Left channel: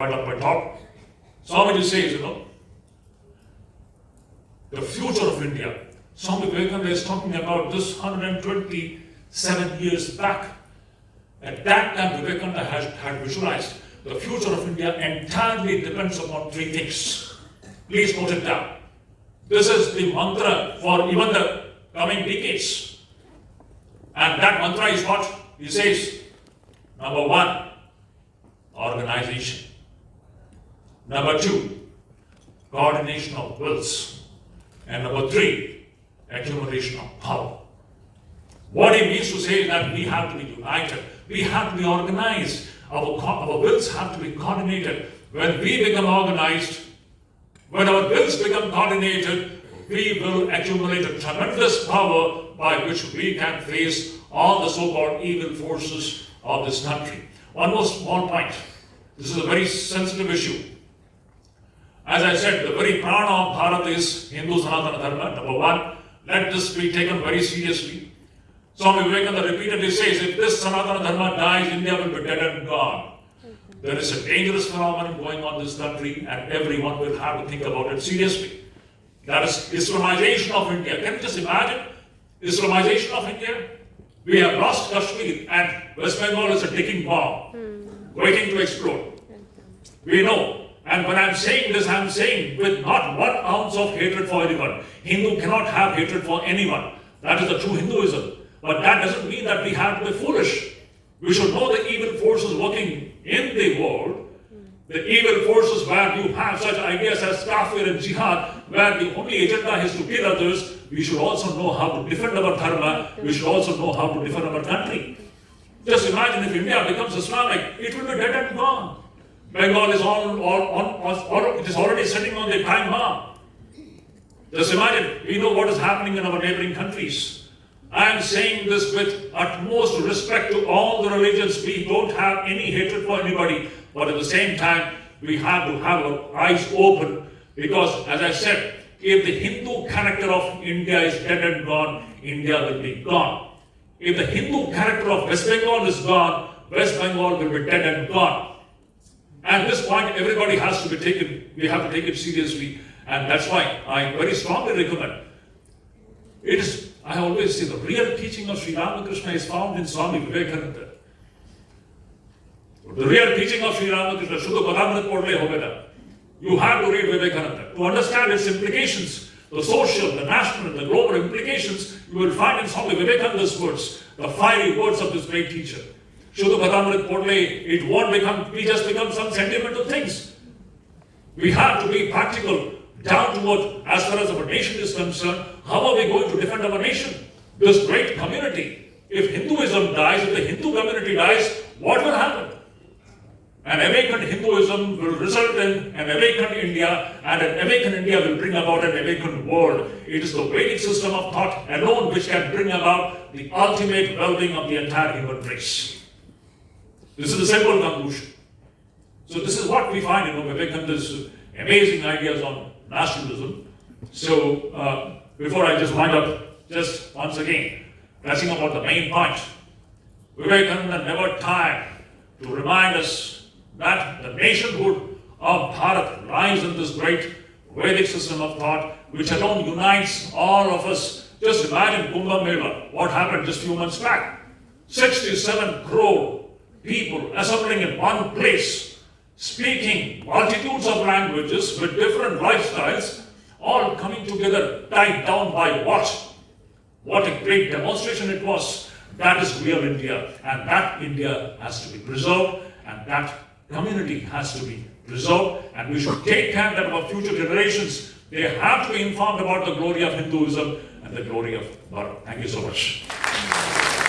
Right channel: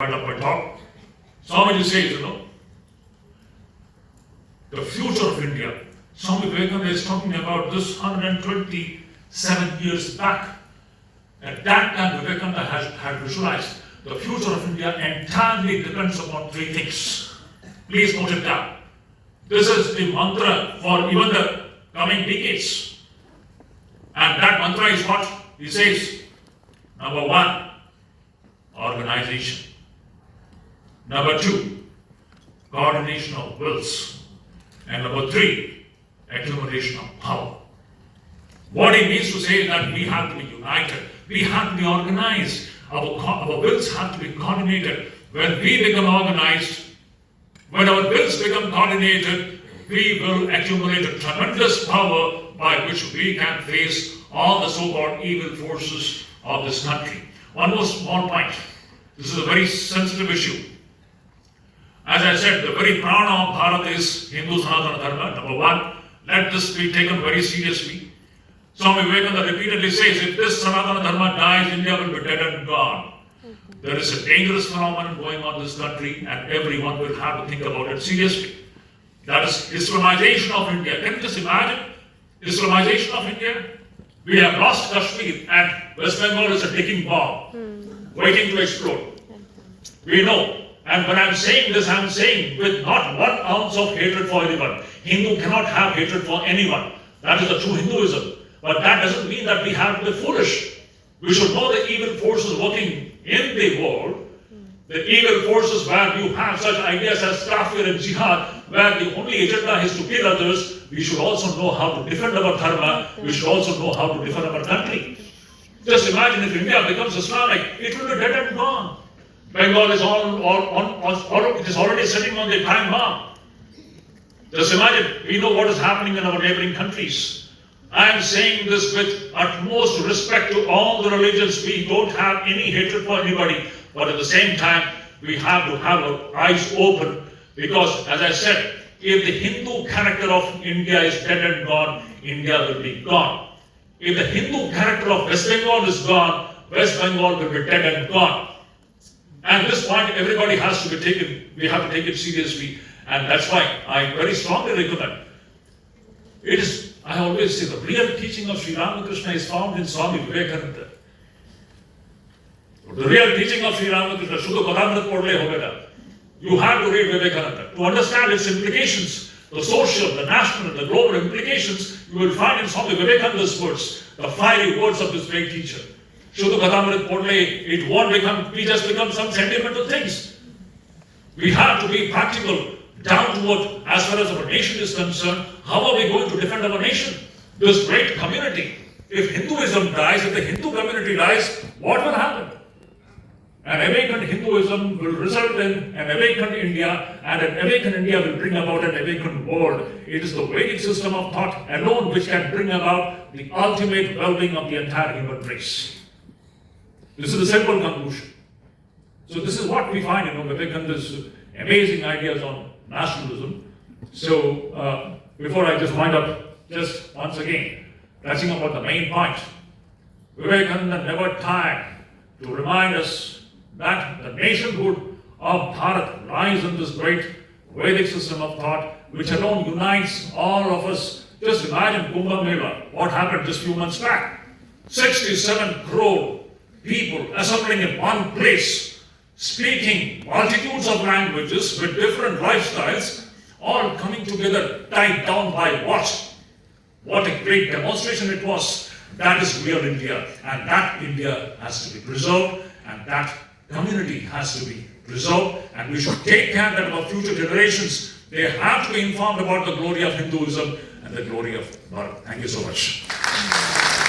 Right up my talk. Swamiji says, the future of India. Swami Vivekananda is talking about this 127 years back. At that time, Vivekananda had visualized the future of India entirely depends upon three things. Please note it down. This is the mantra for even the coming decades. And that mantra is what? He says, number one, organization. Number two, coordination of wills. And number three, accumulation of power. What he means to say is that we have to be united. We have to be organized. Our wills have to be coordinated. When we become organized, when our wills become coordinated, we will accumulate a tremendous power by which we can face all the so-called evil forces of this country. One more small point. This is a very sensitive issue. As I said, the very prana of Bharat is Hindu Sanatana Dharma. Number one, let this be taken very seriously. Swami Vivekananda repeatedly says, if this Sanatana Dharma dies, India will be dead and gone. There is a dangerous phenomenon going on in this country, and everyone will have to think about it seriously. That is Islamization of India. Can you just imagine? Islamization of India? We have lost Kashmir, and West Bengal is a ticking bomb, waiting to explode. We know. And when I'm saying this, I'm saying with not 1 ounce of hatred for anyone. Hindu cannot have hatred for anyone. That is the true Hinduism. But that doesn't mean that we have to be foolish. We should know the evil forces working in the world. The evil forces where you have such ideas as kafir and jihad, where the only agenda is to kill others. We should also know how to defend our dharma. We should also know how to defend our country. Just imagine if India becomes Islamic, it will be dead and gone. Bengal is it is already sitting on the time bomb. Just imagine, we know what is happening in our neighboring countries. I am saying this with utmost respect to all the religions. We don't have any hatred for anybody, but at the same time, we have to have our eyes open, because as I said, if the Hindu character of India is dead and gone, India will be gone. If the Hindu character of West Bengal is gone, West Bengal will be dead and gone. And this point, everybody has to be taken, we have to take it seriously. And that's why I very strongly recommend. It is, I always say, the real teaching of Sri Ramakrishna is found in Swami Vivekananda. The real teaching of Sri Ramakrishna, Shuddha Padamrit Podle Hoveda. You have to read Vivekananda. To understand its implications, the social, the national, the global implications, you will find in Swami Vivekananda's words, the fiery words of this great teacher. Shuddha Padamrit Podle, it won't just become some sentimental things. We have to be practical, down to earth, as far as our nation is concerned. How are we going to defend our nation? This great community. If Hinduism dies, if the Hindu community dies, what will happen? An awakened Hinduism will result in an awakened India, and an awakened India will bring about an awakened world. It is the Vedic system of thought alone which can bring about the ultimate well-being of the entire human race. This is the simple conclusion. So this is what we find in Vivekananda's amazing ideas on nationalism. So before I just wind up, just once again, touching upon the main point, Vivekananda never tired to remind us that the nationhood of Bharat lies in this great Vedic system of thought, which alone unites all of us. Just imagine Kumbh Mela, what happened just a few months back. 67 crore people assembling in one place, speaking multitudes of languages with different lifestyles, all coming together, tied down by what? What a great demonstration it was. That is real India, and that India has to be preserved, and that community has to be preserved, and we should take care that our future generations, they have to be informed about the glory of Hinduism and the glory of Bharat. Thank you so much.